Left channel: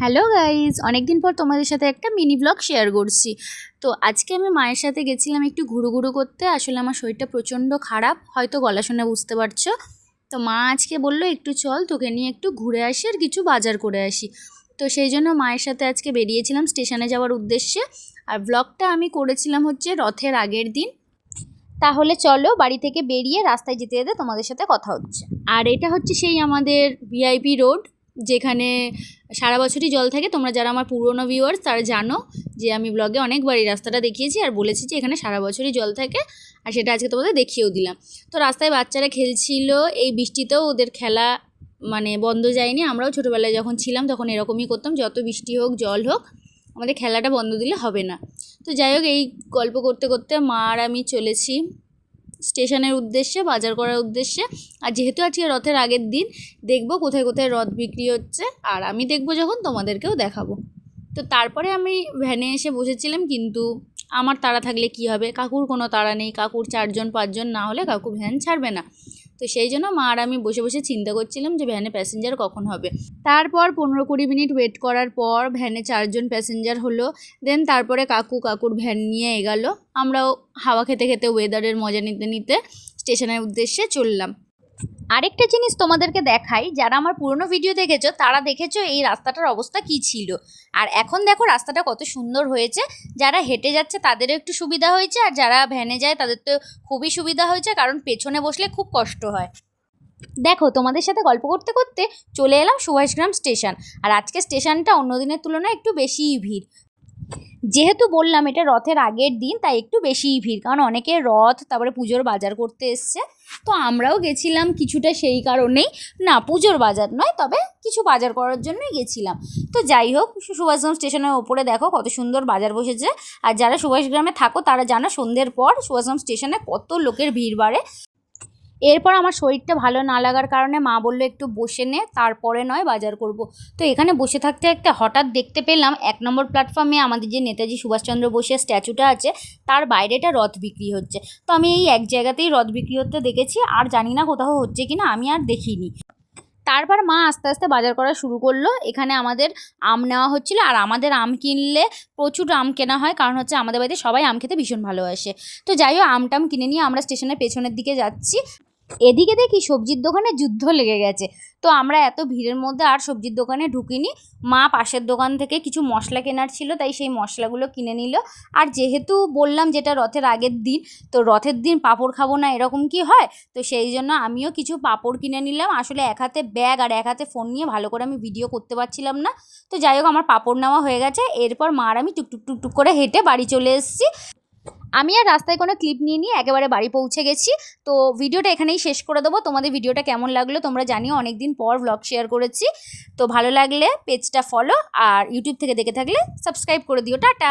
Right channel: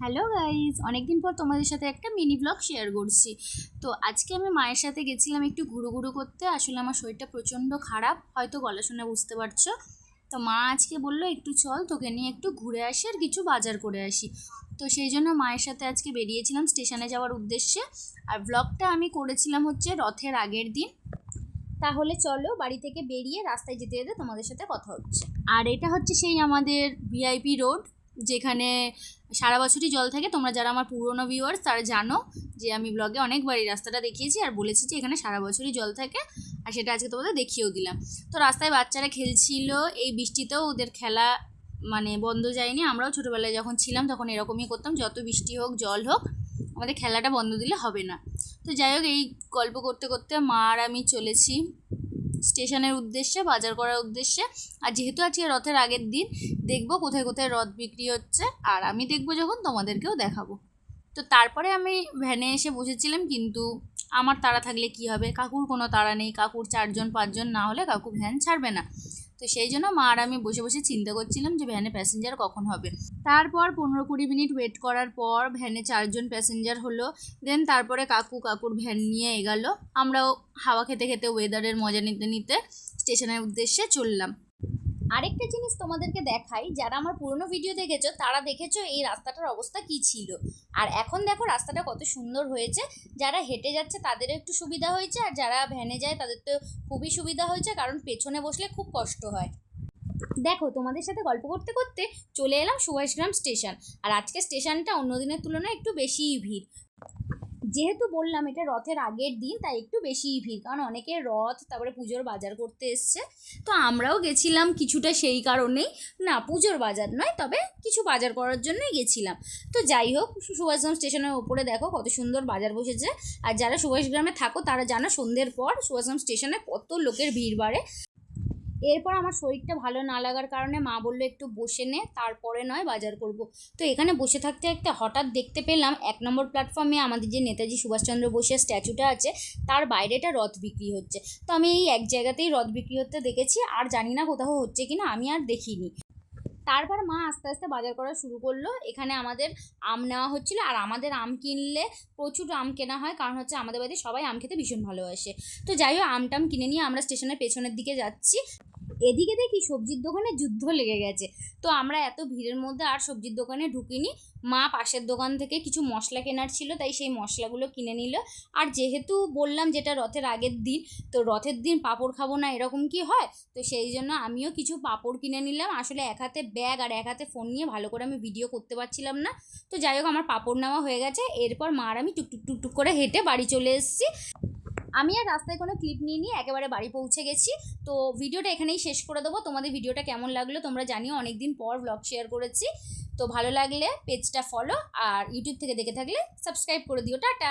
Hello guys, অনেকদিন পর তোমাদের সাথে একটা মিনি ব্লগ শেয়ার করছি। তো আজকে আমি মায়ের সাথে গেছিলাম একটু ঘুরু করতে। আসলে আমার শরীরটা প্রচণ্ড খারাপ, হয়তো গলা শুনে বুঝতে পারছো। তো মা আজকে বললো একটু চল তোকে নিয়ে একটু ঘুরে আসি আর কিছু বাজার করে আসি। তো সেই জন্য মায়ের সাথে আজকে বেরিয়েছিলাম স্টেশনে যাওয়ার উদ্দেশ্যে। আর ব্লগটা আমি করেছিলাম হচ্ছে রথের আগের দিন। তাহলে চলো বাড়ি থেকে বেরিয়ে রাস্তায় যেতে যেতে তোমাদের সাথে কথা হচ্ছে। আর এটা হচ্ছে সেই আমাদের ভিআইপি রোড, যেখানে সারা বছরই জল থাকে। তোমরা যারা আমার পুরনো ভিউয়ার্স তারা জানো যে আমি ব্লগে অনেকবার এই রাস্তাটা দেখিয়েছি আর বলেছি যে এখানে সারা বছরই জল থাকে, আর সেটা আজকে তোমাদের দেখিয়েও দিলাম। তো রাস্তায় বাচ্চারা খেলছিল, এই বৃষ্টিতেও ওদের খেলা মানে বন্ধ যায়নি। আমরাও ছোটোবেলায় যখন ছিলাম তখন এরকমই করতাম, যত বৃষ্টি হোক জল হোক আমাদের খেলাটা বন্ধ দিলে হবে না। তো যাই হোক, এই গল্প করতে করতে মা আর আমি চলেছি স্টেশনের উদ্দেশ্যে, বাজার করার উদ্দেশ্যে। আর যেহেতু আজকে রথের আগের দিন, দেখবো কোথায় কোথায় রথ বিক্রি হচ্ছে, আর আমি দেখবো যখন তোমাদেরকেও দেখাবো। তো তারপরে আমি ভ্যানে এসে বসেছিলাম, কিন্তু আমার তাড়া থাকলে কি হবে, কাকুর কোনো তাড়া নেই। কাকুর 4-5 না হলে কাকু ভ্যান ছাড়বে না। তো সেই জন্য মা আর আমি বসে বসে চিন্তা করছিলাম যে ভ্যানে প্যাসেঞ্জার কখন হবে। তারপর 15-20 মিনিট ওয়েট করার পর ভ্যানে 4জন প্যাসেঞ্জার হলো। দেন তারপরে কাকুর ভ্যান নিয়ে এগালো। আমরাও হাওয়া খেতে খেতে ওয়েদারের মজা নিতে নিতে স্টেশনের উদ্দেশ্যে চললাম। আরেকটা জিনিস তোমাদেরকে দেখাই, যারা আমার পুরনো ভিডিও দেখেছো তারা দেখেছো এই রাস্তাটার অবস্থা কি ছিল, আর এখন দেখো রাস্তাটা কত সুন্দর হয়েছে। যারা হেঁটে যাচ্ছে তাদেরও একটু সুবিধা হয়েছে, আর যারা ভ্যানে যায় তাদের তো খুবই সুবিধা হয়েছে, কারণ পেছনে বসলে খুব কষ্ট হয়। দেখো, তোমাদের সাথে গল্প করতে করতে চলে এলাম সুভাষগ্রাম স্টেশন। আর আজকে স্টেশনটা অন্য দিনের তুলনায় একটু বেশিই ভিড়। যেহেতু বললাম এটা রথের আগের দিন, তাই একটু বেশিই ভিড়, কারণ অনেকে রথ তারপরে পুজোর বাজার করতে এসছে। তো আমরাও গেছিলাম কিছুটা সেই কারণেই, না পুজোর বাজার নয়, তবে কিছু বাজার করার জন্যই গেছিলাম। তো যাই হোক, সুভাষগ্রাম স্টেশনের ওপরে দেখো কত সুন্দর বাজার বসেছে। আর যারা সুভাষগ্রামে থাকো তারা জানো সন্ধ্যের পর সুভাষগ্রাম স্টেশনে কত লোকের ভিড় বাড়ে। এরপর আমার শরীরটা ভালো না লাগার কারণে মা বললো একটু বসে নে, তারপরে নয় বাজার করব। তো এখানে বসে থাকতে থাকতে হঠাৎ দেখতে পেলাম 1 নম্বর প্ল্যাটফর্মে আমাদের যে নেতাজি সুভাষচন্দ্র বোসের স্ট্যাচুটা আছে তার বাইরেটা রথ বিক্রি হচ্ছে। তো আমি এই এক জায়গাতেই রথ বিক্রি হতে দেখেছি, আর জানি না কোথাও হচ্ছে কিনা, আমি আর দেখিনি। তারপর মা আস্তে আস্তে বাজার করা শুরু করলো। এখানে আমাদের আম নেওয়া হচ্ছিলো, আর আমাদের আম কিনলে প্রচুর আম কেনা হয়, কারণ হচ্ছে আমাদের বাড়িতে সবাই আম খেতে ভীষণ ভালোবাসে। তো যাই হোক, আমটাম কিনে নিয়ে আমরা স্টেশনের পেছনের দিকে যাচ্ছি। এদিকে দেখি সবজির দোকানে যুদ্ধ লেগে গেছে। তো আমরা এত ভিড়ের মধ্যে আর সবজির দোকানে ঢুকিনি। মা পাশের দোকান থেকে কিছু মশলা কেনার ছিল, তাই সেই মশলাগুলো কিনে নিল। আর যেহেতু বললাম যেটা রথের আগের দিন, তো রথের দিন পাঁপড় খাবো না এরকম কি হয়, তো সেই জন্য আমিও কিছু পাঁপড় কিনে নিলাম। আসলে এক হাতে ব্যাগ আর এক হাতে ফোন নিয়ে ভালো করে আমি ভিডিও করতে পারছিলাম না। তো যাই হোক, আমার পাঁপড় নেওয়া হয়ে গেছে। এরপর মা আর আমি টুকটুক করে হেঁটে বাড়ি চলে এসেছি। আমি আর রাস্তায় কোনো ক্লিপ নিয়ে একেবারে বাড়ি পৌঁছে গেছি। তো ভিডিওটা এখানেই শেষ করে দেবো। তোমাদের ভিডিওটা কেমন লাগলো তোমরা জানিও, অনেক দিন পর ব্লগ শেয়ার করেছি। তো ভালো লাগলে পেজটা ফলো, আর ইউটিউব থেকে দেখে থাকলে সাবস্ক্রাইব করে দিও। টাটা।